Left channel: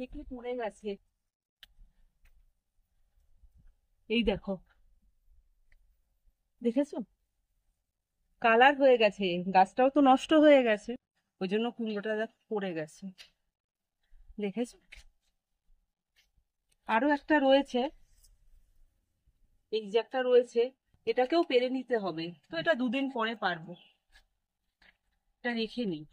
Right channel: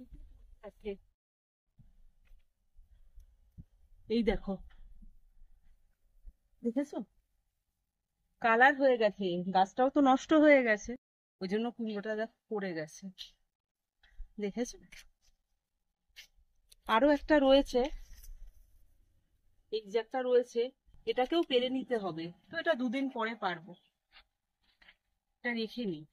দেখলে পড়ে গেছে। এই দেখো, দেখেছো? কালার হয়ে গেছে, গাছটাও তো নষ্ট হয়ে গেছে, ওই জন্য কুমড়োটা দেখো পড়ে গেছে। দেখেছো? আরো একটা রয়েছে, এই যে একটা রয়েছে, এটাকেও পেরে নিতে হবে, তো এটা দুদিন পরে পারবো, এটা রেখে নিই।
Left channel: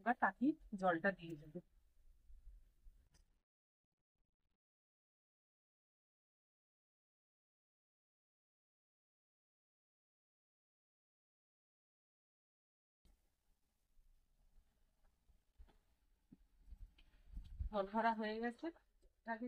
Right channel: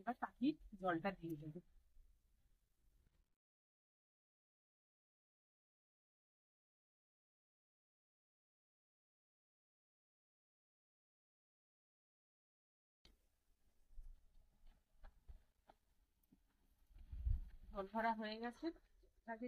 এবার তাকে জলটা দিয়ে দেবো। জল ভরা হয়ে গেছে, তাকে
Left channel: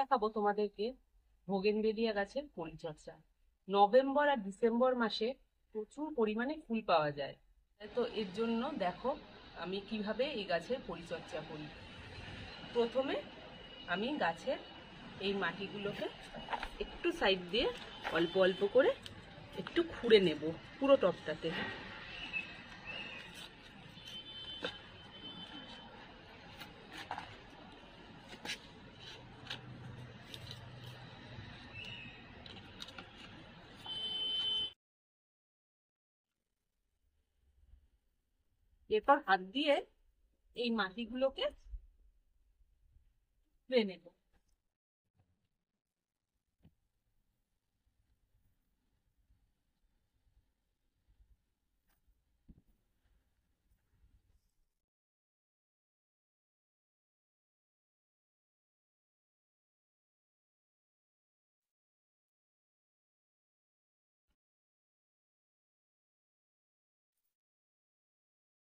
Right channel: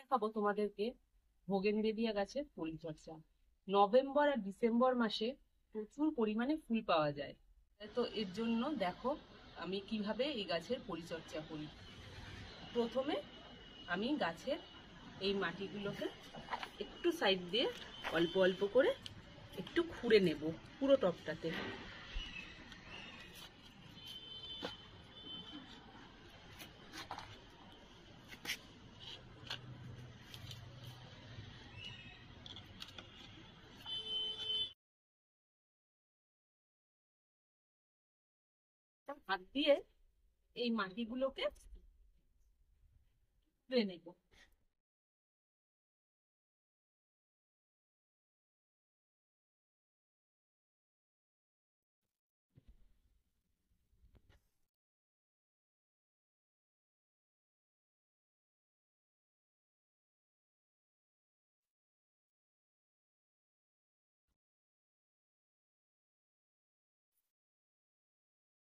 দেখাবো তোমাদেরকে ভোগেনভেলিয়া গাছের পরিচর্যা। নভেম্বর আর ডিসেম্বর মাসে প্রচুর পরিমাণে ফুল পাওয়া যায়, তো এর জন্য দেখো আমি কিভাবে এই গাছের পরিচর্যা করি। প্রথমে আমি গাছের এই মাটিগুলোকে একটু সাইড দিয়ে অল্প অল্প করে একটু খুঁড়ে নেব পুরো টবটাতে। এরপর হাত দিয়ে এই মাটিগুলোকে খুঁড়ে নেব।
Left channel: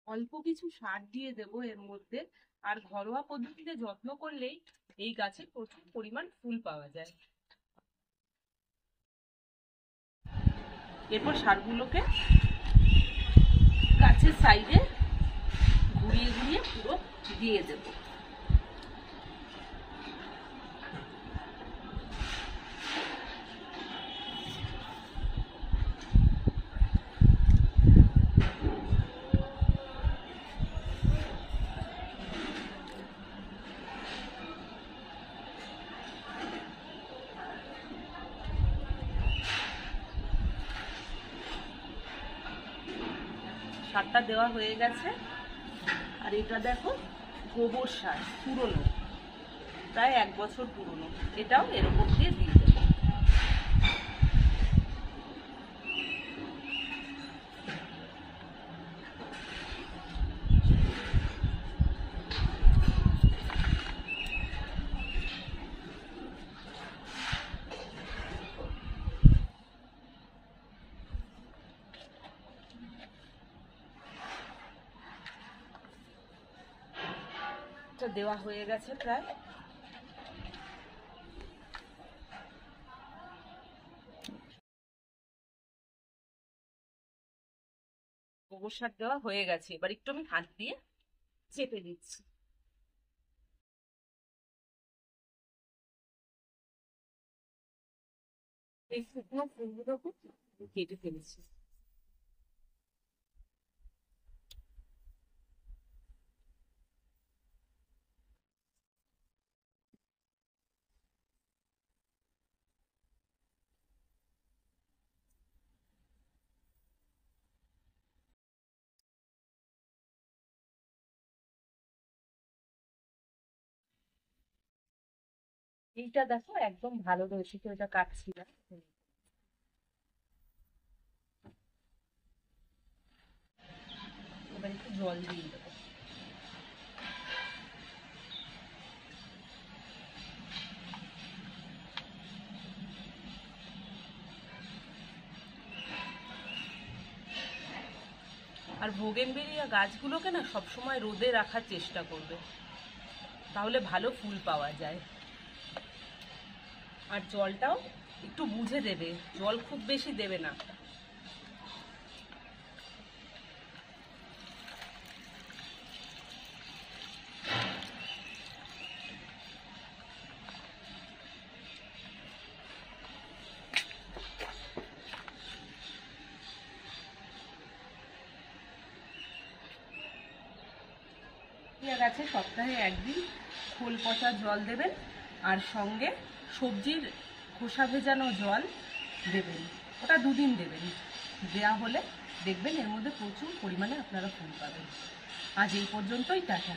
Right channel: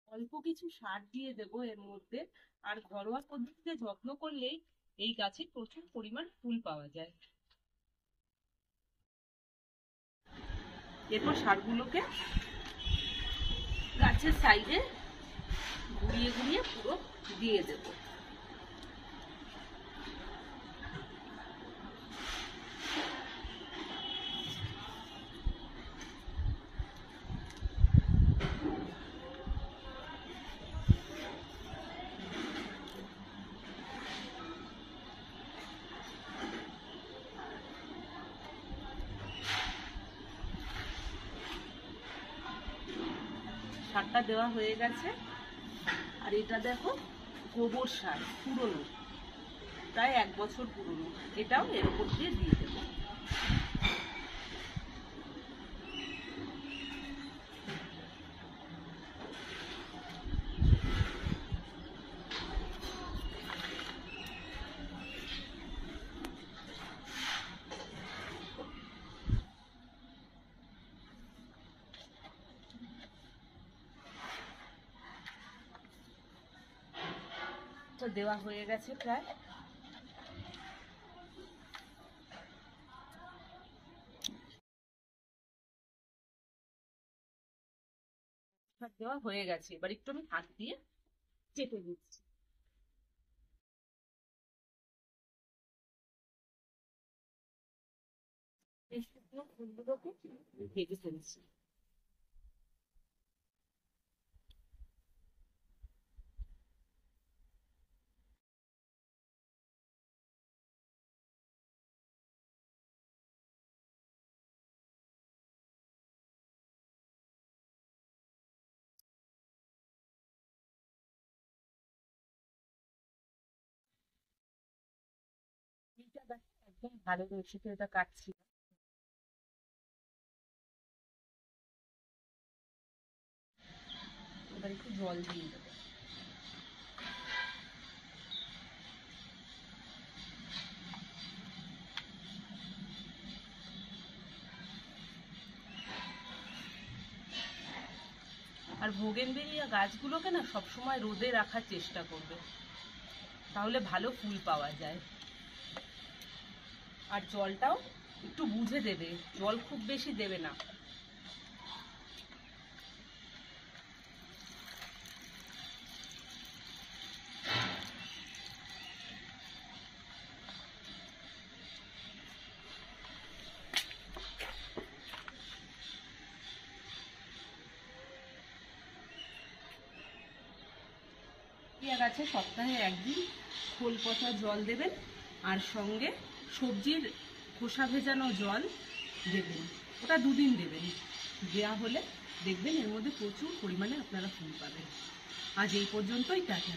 অল্প কিছু সার দিয়ে দেব এর মধ্যে, আর ঘরোয়া পদ্ধতিতে যত্ন করলেই এই গাছে প্রচুর পরিমাণ ফুল পাওয়া যায়। এরপর সারগুলোকে গাছের সাইডে ঘুরিয়ে ঘুরিয়ে পুরো দিয়ে দেব। সারটা দেওয়া হয়ে গেছে, আর এটা দেখো গোবর সার পুরনো, প্রায় 1 বছর পুরনো, এটাও এর উপর দিয়ে দিয়ে দেবো। এটা দেওয়া হয়ে গেছে প্রায়। গোবর সার দেওয়া হয়ে গেছে, এবার একটু আমি হাত দিয়ে চেপে দিচ্ছি। এই শুকনো ফুলগুলোকে কেটে ফেলছি। এইটা দেখো একদম ভালো রয়েছে, তো এটা কাটছি না। এবার একটু জল দিয়ে দেবো। আর ভোগেনভেলিয়া গাছগুলোকে না সবসময় রোদে রাখার চেষ্টা করবে, তাহলে ভালো ফুল পাওয়া যায়। আর জলটাও একটু বুঝে দেবে, জল খুব বেশি দেবে না। গাছে সপ্তাহে একদিন খোল পচা জল দেবেন, আর সঙ্গে সবজির খোসা ভেজানো জল দেবেন। ওটা 2 দিন দেবেন। দেয়া হলে দেখবেন এর মধ্যে প্রচুর পরিমাণে আপনারা ফুল পাবেন। আজ এই পর্যন্তই, টাটা।